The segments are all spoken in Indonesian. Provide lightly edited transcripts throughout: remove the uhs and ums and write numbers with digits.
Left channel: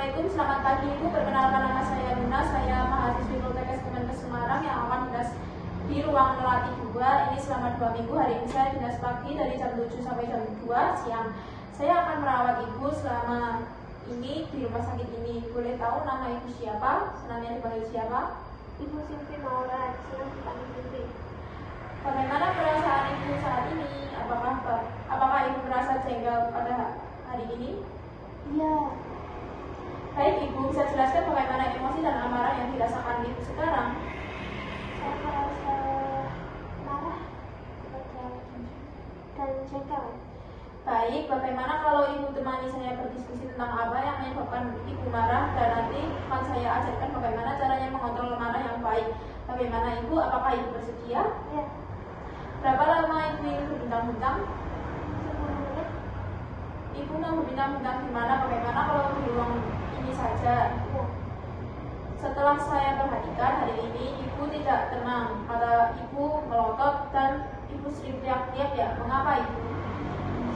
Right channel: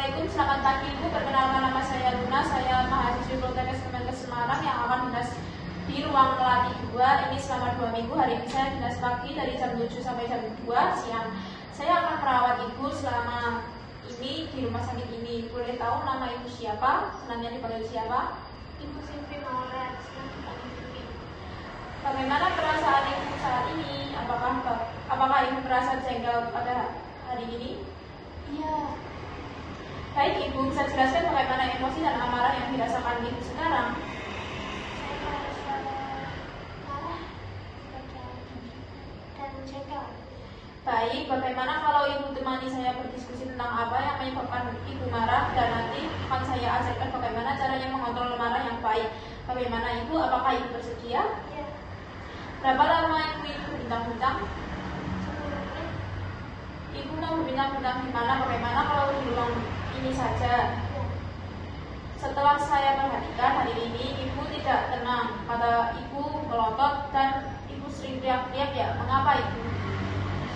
Assalamualaikum, selamat pagi Ibu. Perkenalkan nama saya Luna, saya mahasiswi Poltekkes Kemenkes Semarang yang akan dinas di ruang melatih 2. Ini selama 2 minggu. Hari ini saya dinas pagi dari jam 7 sampai jam 2 siang. Saya akan merawat Ibu selama ini di rumah sakit ini. Boleh tahu nama Ibu siapa? Senangnya dipanggil siapa? Ibu Silvi Maulad, senang dipanggil Silvi. Bagaimana perasaan Ibu saat ini? Apakah Ibu merasa jengkel pada hari ini? Iya. Baik, Ibu bisa jelaskan bagaimana emosi dan amarah yang dirasakan Ibu sekarang? Saya merasa marah dan jengkel. Baik, bagaimana kalau Ibu temani saya berdiskusi tentang apa yang menyebabkan Ibu marah, dan nanti akan saya ajarkan bagaimana caranya mengontrol marah yang baik. Bagaimana Ibu? Apakah Ibu bersedia? Iya. Berapa lama Ibu ingin berbincang-bincang? 10 menit. Ibu mau berbincang-bincang di mana? Bagaimana kalau di ruang ini saja? Iya. Setelah saya perhatikan hari ini Ibu tidak tenang, mata Ibu melotot dan Ibu sering teriak-teriak ya. Mengapa Ibu?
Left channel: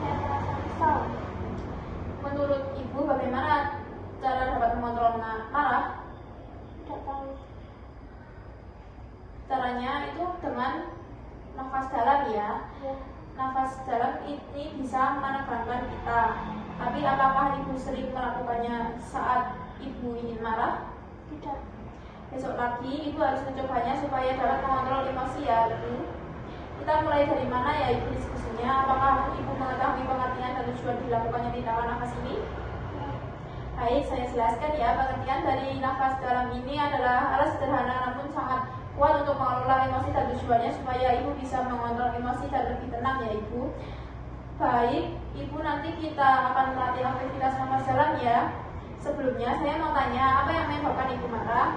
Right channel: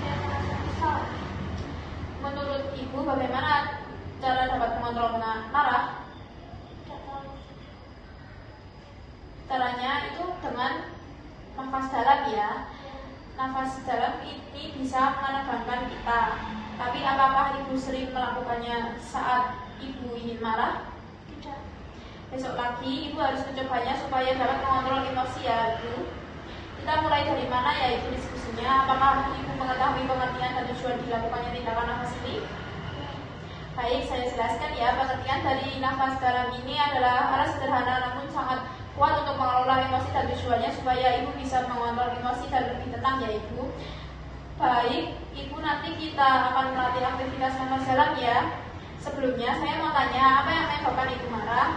Saya merasa kesal. Menurut Ibu bagaimana cara dapat mengontrol marah? Tidak tahu. Caranya itu dengan nafas dalam ya. Iya. Nafas dalam ini bisa menegangkan kita. Tapi apakah Ibu sering melakukannya saat Ibu ingin marah? Tidak. Besok lagi Ibu harus mencobanya supaya dapat mengontrol emosi ya Ibu. Kita mulai dari mana ya Ibu diskusinya? Apakah Ibu mengetahui pengertian dan tujuan dilakukannya tindakan nafas ini? Iya. Baik, saya jelaskan ya. Pengertian dari nafas dalam ini adalah alat sederhana namun sangat kuat untuk mengelola emosi dan tujuannya supaya Ibu bisa mengontrol emosi dan lebih tenang ya Ibu. Baik, Ibu nanti kita akan melatih aktivitas nafas dalam ya. Sebelumnya saya mau tanya, apa yang menyebabkan Ibu marah?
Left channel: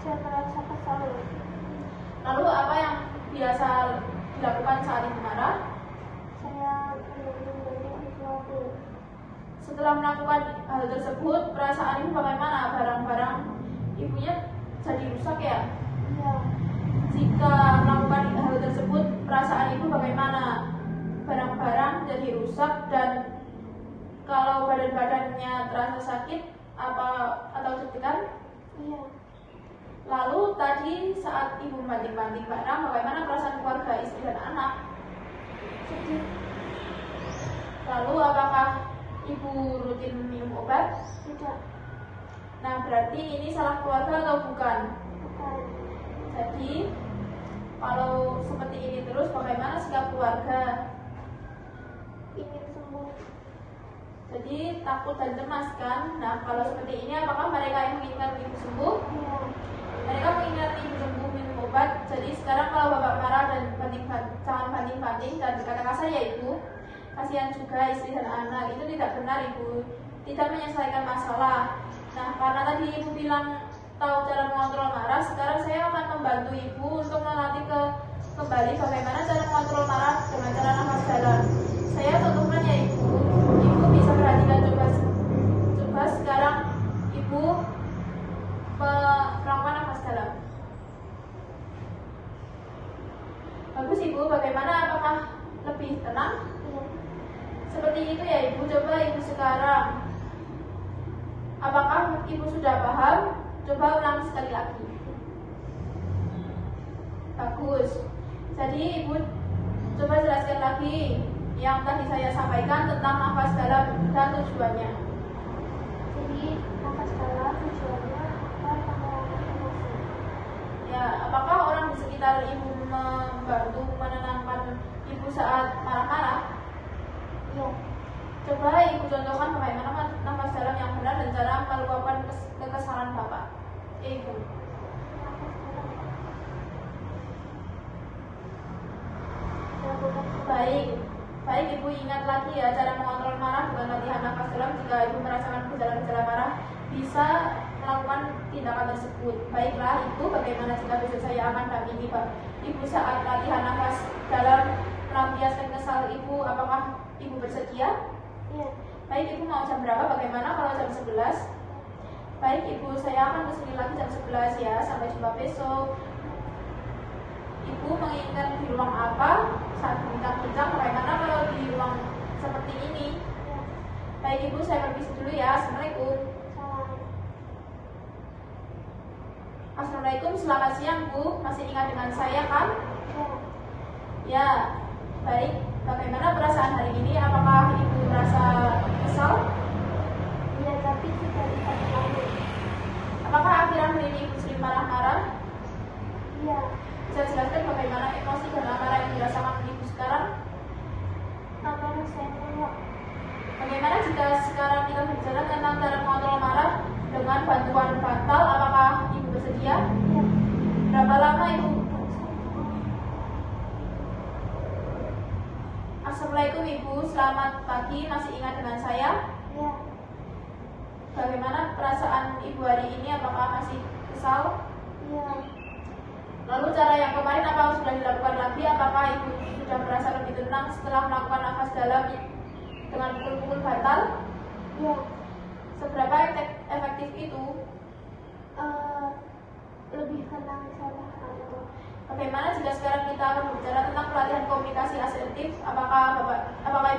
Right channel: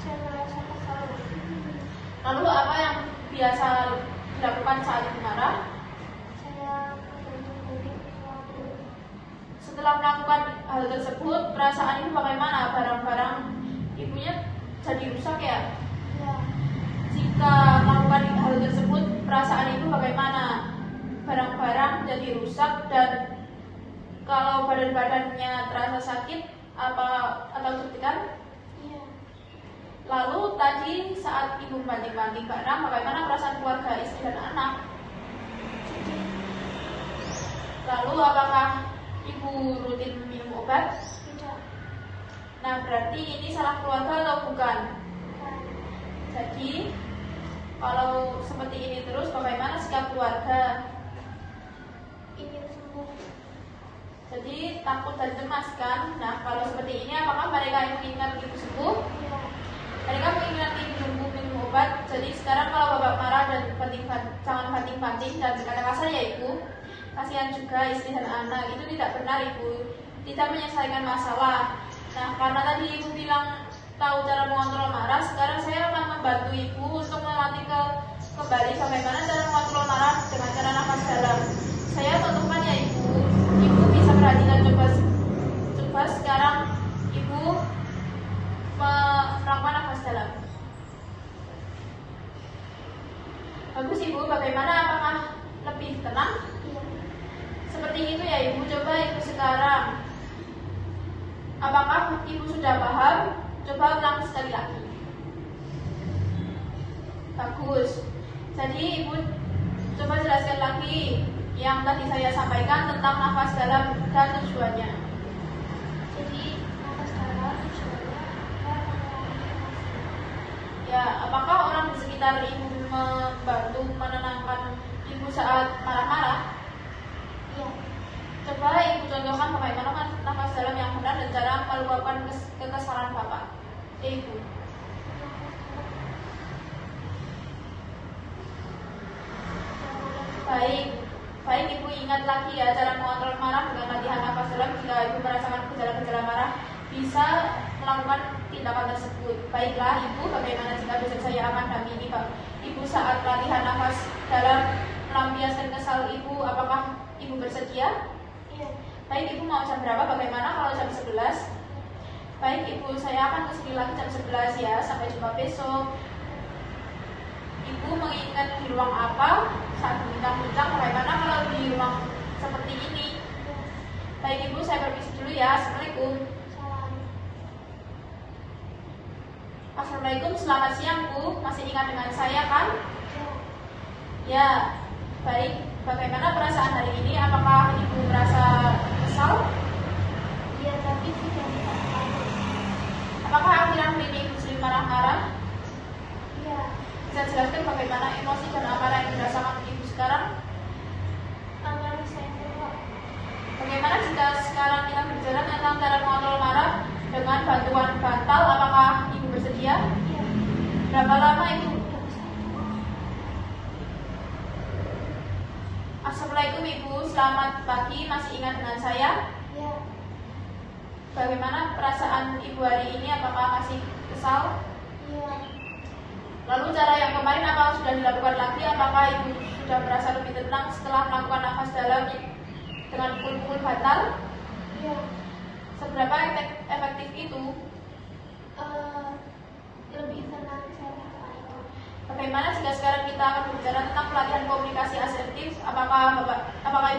Saya merasa kesal. Lalu apa yang biasa dilakukan saat Ibu marah? Saya menggunting sesuatu. Setelah melakukan hal tersebut, perasaan Ibu bagaimana? Barang-barang Ibunya jadi rusak ya? Iya. Jika melakukan hal tersebut, perasaan Ibu bagaimana? Barang-barang jadi rusak, dan kalau badan-badannya terasa sakit atau deg-degan? Iya. Lalu tadi saat Ibu membanting-banting barang, bagaimana perasaan keluarga, istri dan anak? Sedih. Lalu apakah Ibu rutin minum obat? Tidak. Nah, berarti ini salah keluarga atau bukan? Bukan. Jadi kalau seperti ini terus, bagaimana sikap keluarga? Ingin sembuh. Jadi takut dan cemas kan? Nah, kalau seperti ini, apakah mereka menginginkan Ibu sembuh? Iya. Mereka menginginkan Ibu sembuh minum obat. Jadi sekarang kalau Bapak marah dan jangan banting-banting dan berkata kasar ya Ibu. Kasihan juga istri dan anak. Itu tidak benar Ibu. Tidak menyelesaikan masalah. Nah, karena tadi Ibu bilang tahu cara mengontrol marah, sekarang saya akan membantu Ibu untuk melatih kembali bagaimana cara mengontrol marah dengan cara nafas dalam. Saya contohkan ya Ibu. Ibu bisa perhatikan, coba sekarang Ibu melakukan nafas dalam. Bagus Ibu, bagaimana? Apakah lebih tenang? Iya. Seperti itu ya Ibu. Coba Ibu sekarang, apakah Ibu sudah paham? Coba ulang sekali lagi. Bagus. Jadi Ibu coba jelaskan lagi yang tadi saya sampaikan tentang nafas dalam dan tujuannya. Jadi nafas dalam tujuannya agar mengurangi emosi. Ya, apakah orang di sekitar Ibu membantu menenangkan Ibu saat marah-marah? Iya. Coba Ibu contohkan bagaimana nafas dalam yang benar dan cara meluapkan kekesalan Bapak. Ibu. Nafas dalam. Lakukan. Baik Ibu, ingat lagi ya cara mengontrol marah dengan latihan nafas dalam. Jika Ibu merasakan gejala-gejala marah, bisa melakukan tindakan tersebut. Baiklah Ibu, bagaimana jika besok saya akan dampingi Ibu saat latihan nafas dalam melampiaskan kesal Ibu? Apakah Ibu bersedia? Iya. Baik Ibu, mau jam berapa? Bagaimana kalau jam 11? Baik Ibu, saya akan kesini lagi jam 11 ya. Sampai jumpa besok. Ibu menginginkan di ruang apa saat berbincang-bincang? Bagaimana kalau di ruang seperti ini? Baik Ibu, saya permisi dulu ya. Assalamualaikum. Salam. Assalamualaikum, selamat siang Bu. Masih ingat dengan saya kan? Ya. Ya, baik. Bagaimana perasaan hari ini? Apakah Ibu merasa kesal? Iya, tapi tidak dipaksakan. Apakah akhir-akhir ini Ibu sering marah-marah? Iya. Bisa jelaskan bagaimana emosi dan amarah yang dirasakan Ibu sekarang? Amarah saya meluap. Bagaimana jika sekarang kita berbicara tentang cara mengontrol marah dengan bantuan bantal? Apakah Ibu bersedia? Iya. Berapa lama Ibu? Tidak usah. Assalamualaikum Ibu, selamat pagi. Masih ingat dengan saya? Iya. Bagaimana perasaan Ibu hari ini? Apakah masih kesal? Iya. Lalu cara yang kemarin apa sudah dilakukan lagi? Apakah Ibu sudah merasa lebih tenang setelah melakukan nafas dalam dengan pukul-pukul bantal? Iya. Seberapa efektif itu? Lebih tenang saya lakukan itu. Bagaimana jika sekarang kita akan berbicara tentang pelatihan komunikasi asertif? Apakah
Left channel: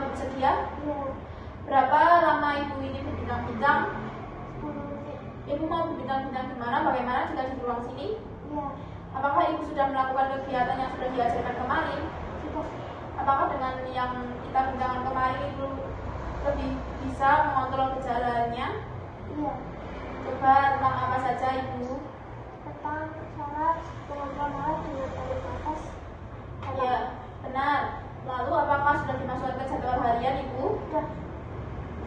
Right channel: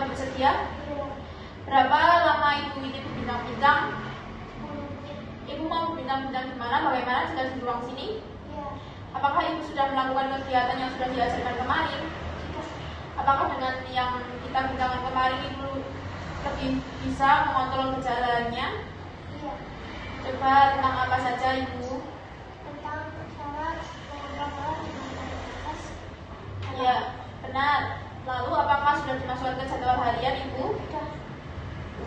Ibu bersedia? Iya. Berapa lama Ibu ingin berbincang-bincang? 10 menit. Ibu mau berbincang-bincang di mana? Bagaimana jika di ruang sini? Iya. Apakah Ibu sudah melakukan kegiatan yang sudah diajarkan kemarin? Sudah. Apakah dengan yang kita bincangkan kemarin Ibu lebih bisa mengontrol gejalanya? Iya. Coba tentang apa saja Ibu? Tentang cara mengontrol marah dengan tarik nafas. Iya, benar. Lalu apakah sudah dimasukkan ke jadwal harian Ibu? Sudah.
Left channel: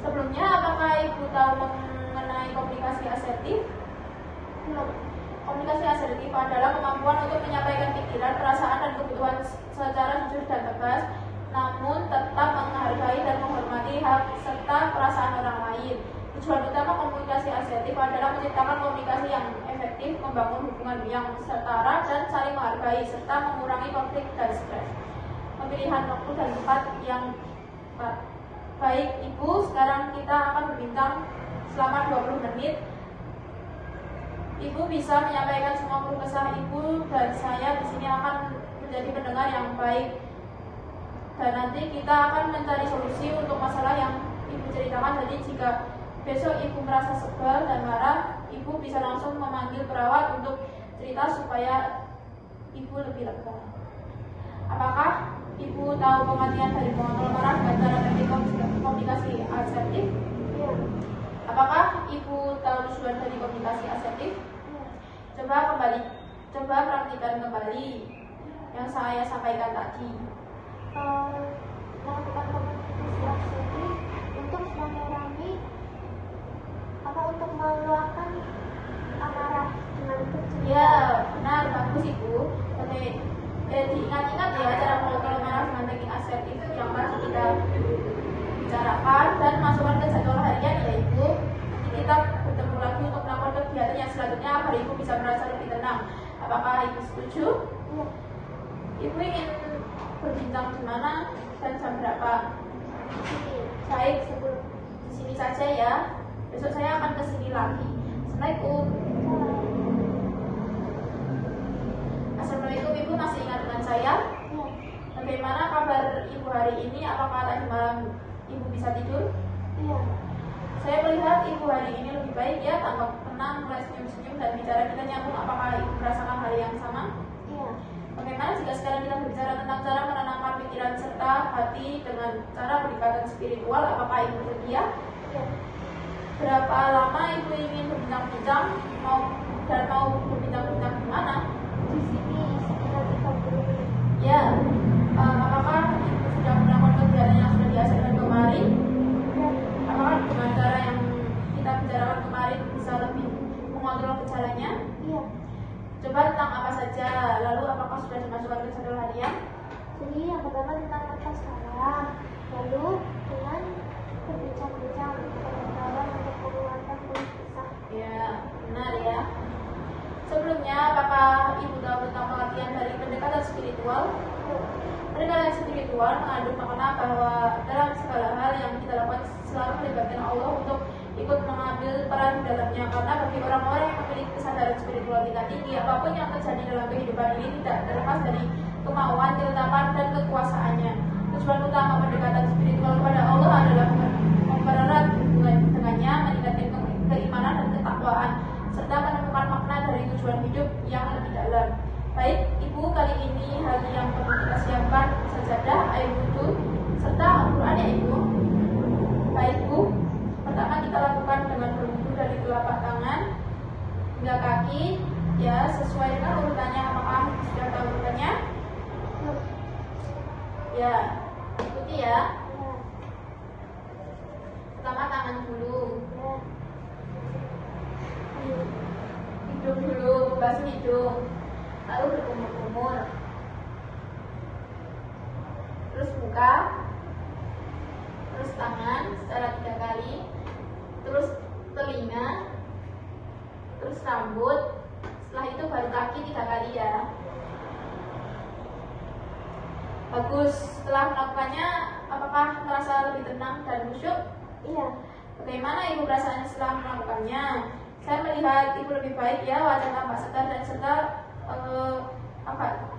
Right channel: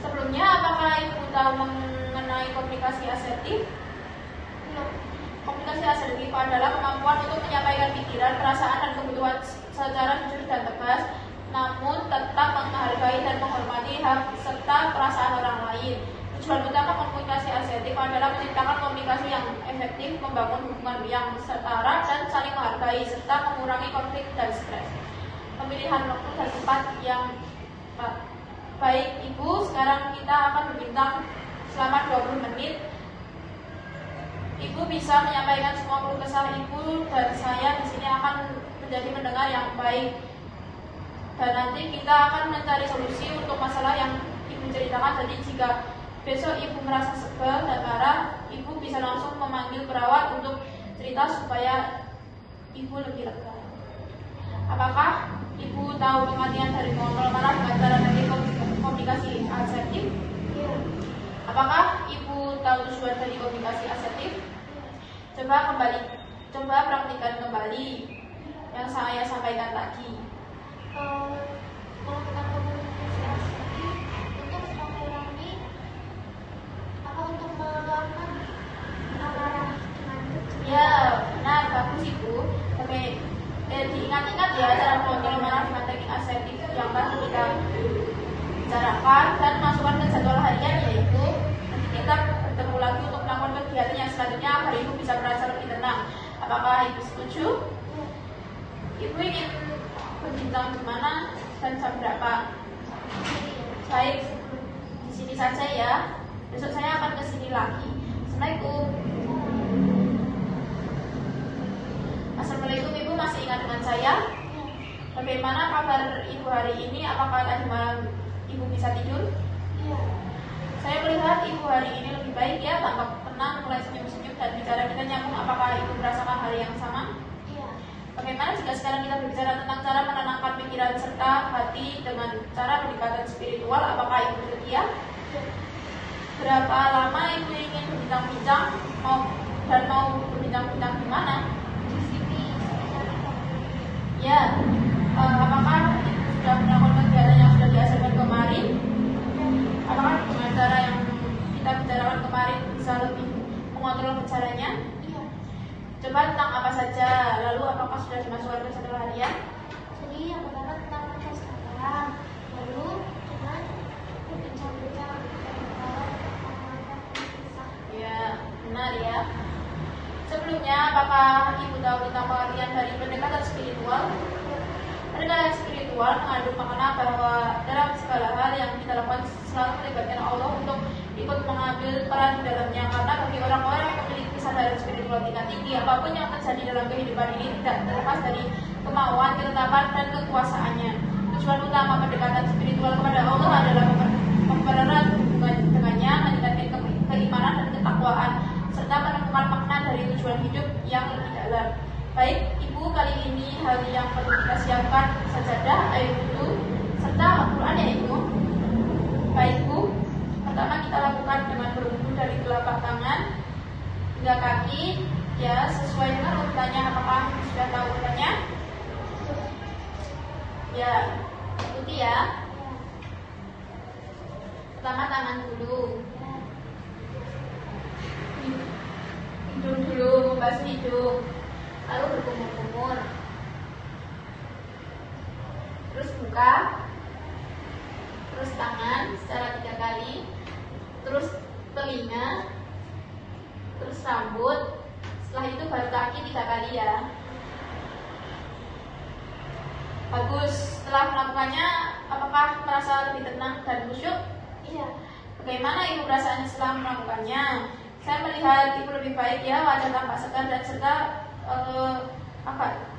Sebelumnya apakah Ibu tahu mengenai komunikasi asertif? Belum. Komunikasi asertif adalah kemampuan untuk menyampaikan pikiran, perasaan, dan kebutuhan secara jujur dan tegas, namun tetap menghargai dan menghormati hak serta perasaan orang lain. Tujuan utama komunikasi asertif adalah menciptakan komunikasi yang efektif, membangun hubungan yang setara dan saling menghargai, serta mengurangi konflik dan stres. Pemilihan waktu dan tempat yang baik Ibu, sekarang kita akan berbincang selama 20 menit. Ibu bisa menyampaikan semua keluh kesah Ibu dan saya di sini akan menjadi pendengar yang baik. Dan nanti kita akan mencari solusi untuk masalah yang Ibu ceritakan. Jadi jika besok Ibu merasa sebel dan marah, Ibu bisa langsung memanggil perawat untuk cerita supaya Ibu lebih lega. Apakah Ibu tahu pengertian dari mengontrol marah dengan cara teknik komunikasi asertif? Iya. Apakah Ibu tahu tujuan dari komunikasi asertif? Coba praktikkan kembali yang saya sampaikan tadi. Melakukan komunikasi asertif untuk mengurangi untuk meluapkan amarah dengan kecil. Ya, benar, bagus Ibu. Oke, diingat-ingat ya cara mengontrol marah dengan teknik asertif yang tadi kita bicarakan dan masukkan ke jadwal harian ya Ibu. Nanti kita bertemu lagi untuk melakukan kegiatan yang selanjutnya agar Ibu bisa merasa lebih tenang. Apakah Ibu setuju? Iya. Ibu ingin berbincang di mana dan jam berapa? Baik, sebelum di sini saja ya. Besok saya akan ke sini lagi. Assalamualaikum. Assalamualaikum Ibu, masih ingat dengan saya? Iya. Bagaimana kabar Ibu hari ini? Apakah tadi malam Ibu bisa tidur? Iya. Saya melihat Ibu hari ini lebih baik ya, tampak tenang, mulai senyum-senyum dan bicara kita nyambung. Apakah Ibu merasakan hal yang sama? Iya. Bagaimana jika sekarang kita berbicara tentang cara menenangkan pikiran serta hati dengan cara pendekatan spiritual? Apakah Ibu bersedia? Iya. Berapa lama Ibu ingin berbincang-bincang? Mau berbincang-bincang di mana? Di sini sekitar 30 menit. Ya, apakah Ibu sudah melakukan kegiatan yang sudah diajarkan kemarin? Iya. Apakah dengan cara yang kita bicarakan kemarin bisa lebih mengontrol bicaranya? Iya. Coba tentang apa saja, lalu apakah sudah dimasukkan ke jadwal harian? Jadi yang pertama tentang nafas dalam, lalu dengan berbincang-bincang dengan kawan untuk mengeluarkan keluh kesah. Ya, benar ya. Sebelumnya, apakah Ibu tahu tentang pengertian dari pendekatan spiritual? Pendekatan spiritual mengandung makna bahwa dalam segala hal yang kita lakukan selalu melibatkan Allah untuk ikut mengambil peran di dalamnya. Karena bagi orang-orang yang memiliki kesadaran spiritual tingkat tinggi, apapun yang terjadi dalam kehidupan ini tidak terlepas dari kemauan, ketetapan, dan kekuasaannya. Tujuan utama pendekatan spiritual kepada Allah adalah mempererat hubungan dengannya, meningkatkan keimanan dan ketakwaan, serta menemukan makna dari tujuan hidup yang lebih dalam. Baik, Ibu, kali ini hari yang perlu kita siapkan sajadah, air wudhu, serta Al-Quran ya Ibu. Baik Bu, pertama kita lakukan dengan berwudhu dari telapak tangan hingga kaki, ya sesuai dengan urutannya. Apakah Ibu sudah tahu urutannya? Ya, ikuti ya. Pertama tangan dulu, hidung dulu, membasuh hidung, lalu berkumur-kumur, terus muka, terus tangan secara 3 kali, terus telinga, terus rambut. Setelah itu baru kaki 3 kali ya. Bagus. Setelah melakukannya, apakah merasa lebih tenang dan khusyuk? Iya. Bagaimana Ibu perasaannya setelah melakukannya? Saya melihat Ibu lebih baik ya, wajah tampak segar dan serta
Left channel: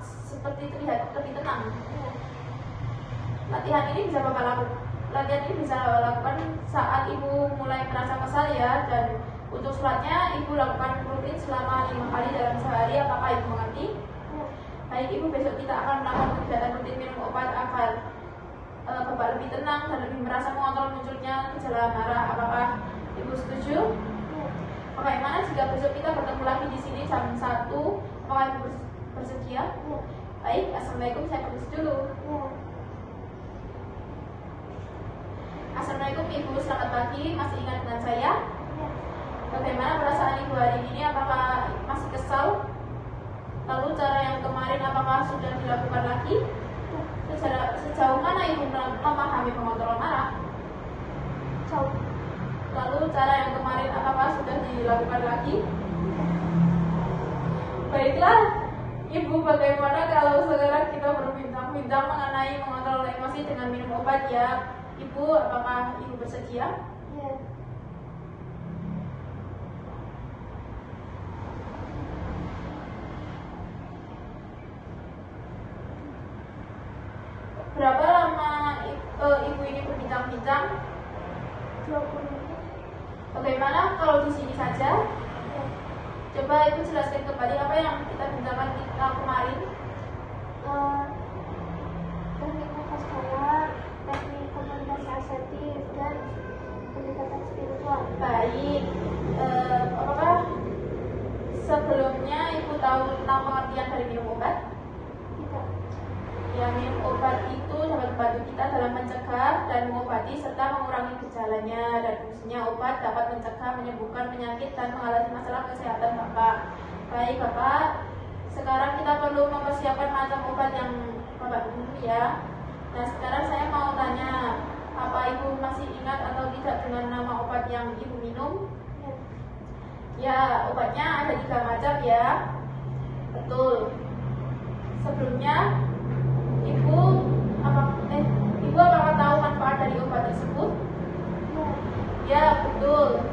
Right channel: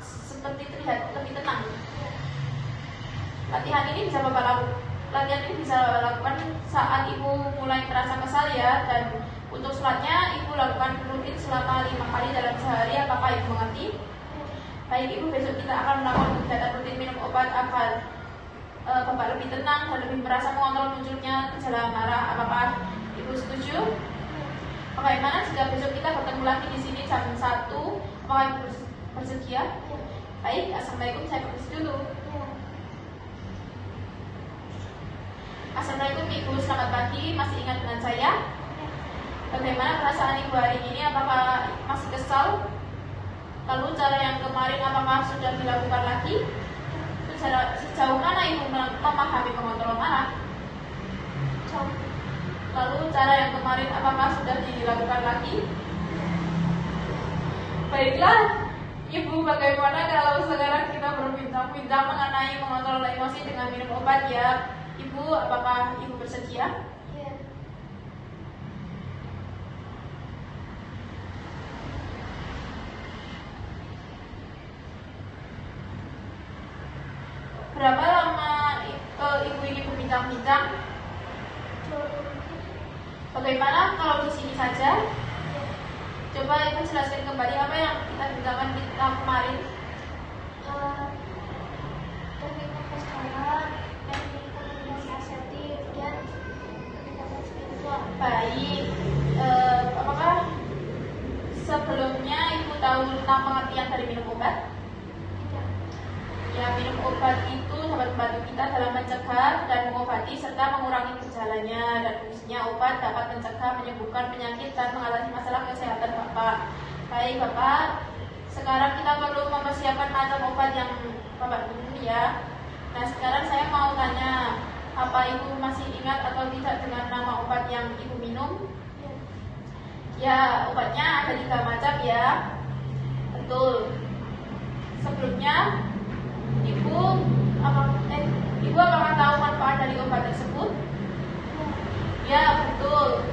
seperti terlihat lebih tenang. Latihan ini bisa Bapak lakukan saat Ibu mulai merasa kesal ya. Dan untuk sholatnya Ibu lakukan rutin selama 5 kali dalam sehari. Apakah Ibu mengerti? Baik Ibu, besok kita akan melakukan kegiatan rutin minum obat agar Bapak lebih tenang dan lebih merasa mengontrol munculnya gejala marah. Apakah Ibu setuju? Bagaimana jika besok kita bertemu lagi di sini jam 1? Apakah Ibu bersedia? Baik, Assalamualaikum, saya permisi dulu. Assalamualaikum Ibu, selamat pagi. Masih ingat dengan saya? Bagaimana perasaan Ibu hari ini? Apakah masih kesal? Lalu cara yang kemarin apakah sudah dilakukan lagi? Sejauh mana Ibu memahami pengontrol marah? Jauh. Lalu cara yang kemarin apakah sudah dilakukan lagi? Baiklah Ibu, bagaimana kalau sekarang kita berbincang-bincang mengenai mengontrol emosi dengan minum obat ya? Ibu, apakah Ibu bersedia? Iya. Berapa lama Ibu ini berbincang-bincang? 20 menit. Bagaimana kalau di sini saja? Iya. Coba Ibu jelaskan kembali apa yang kita bincangkan kemarin. Teknik nafas dalam, teknik komunikasi asertif, dan pendekatan spiritual. Baik, apakah sebelumnya Ibu tahu tentang pengertian dari minum obat? Tidak. Ya, minum obat itu dapat membantu kita dalam mencegah dan mengobati serta mengurangi gejalanya, dan fungsinya obat dapat mencegah, menyembuhkan penyakit dan mengatasi masalah kesehatan Bapak. Baik Bapak, sekarang kita perlu mempersiapkan macam obat yang Bapak minum ya. Nah sekarang saya mau tanya, apa Ibu masih ingat atau tidak dengan nama obat yang Ibu minum? Ya, obatnya ada 3 macam ya. Betul. Sebelumnya Ibu apakah tahu manfaat dari obat tersebut? Ya, betul.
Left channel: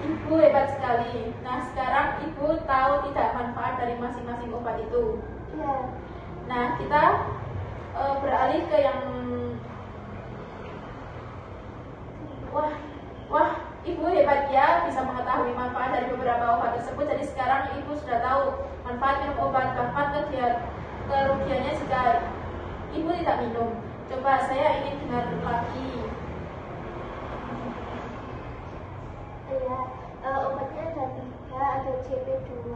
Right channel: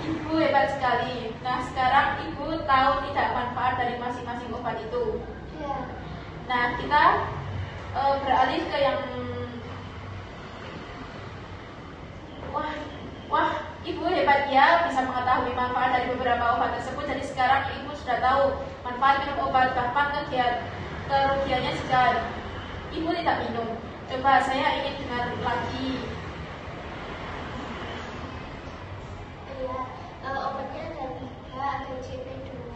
Ibu hebat sekali. Nah, sekarang Ibu tahu tidak manfaat dari masing-masing obat itu? Iya. Nah, kita beralih ke yang Wah, Ibu hebat ya, bisa mengetahui manfaat dari beberapa obat tersebut. Jadi sekarang Ibu sudah tahu manfaat minum obat, bahkan kerugiannya jika Ibu tidak minum. Coba saya ingin dengar lagi. Iya. Obatnya ada 3, ada CP2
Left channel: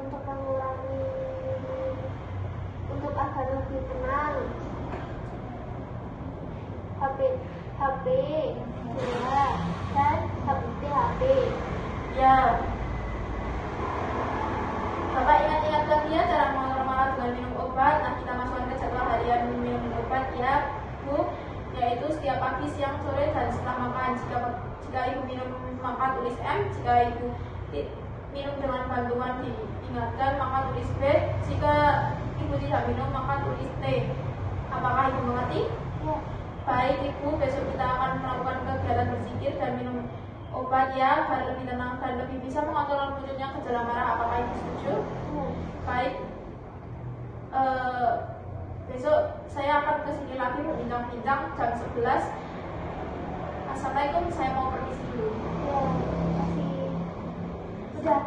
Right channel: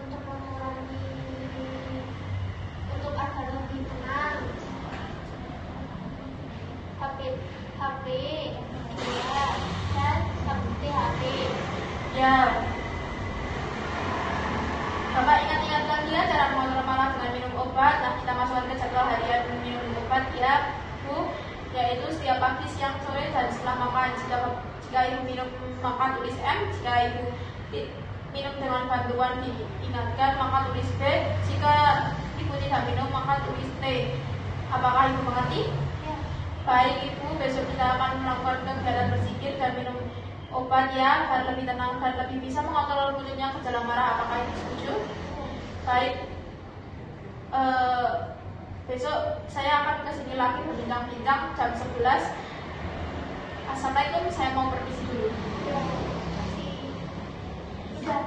untuk agar lebih tenang. HP 2 dan THP. Ya, Bapak ingat-ingat lagi ya cara mengontrol marah dengan minum obat. Nah, kita masukkan ke jadwal harian minum obat ya Bu, yaitu setiap pagi, siang, sore, dan setelah makan. Jika Ibu minum maka tulis M, jika Ibu minum dengan bantuan diingatkan maka tulis B, jika Ibu tidak minum maka tulis T. Apakah Ibu mengerti? Ya. Baik Ibu, besok kita akan melakukan kegiatan berzikir dan minum obat ya, agar lebih tenang dan lebih bisa mengontrol munculnya gejala marah. Apakah Ibu setuju? Ya. Baik, besok saya akan kesini lagi berbincang-bincang jam 11. Assalamualaikum, saya mau permisi dulu. Ya, kasih. Udah.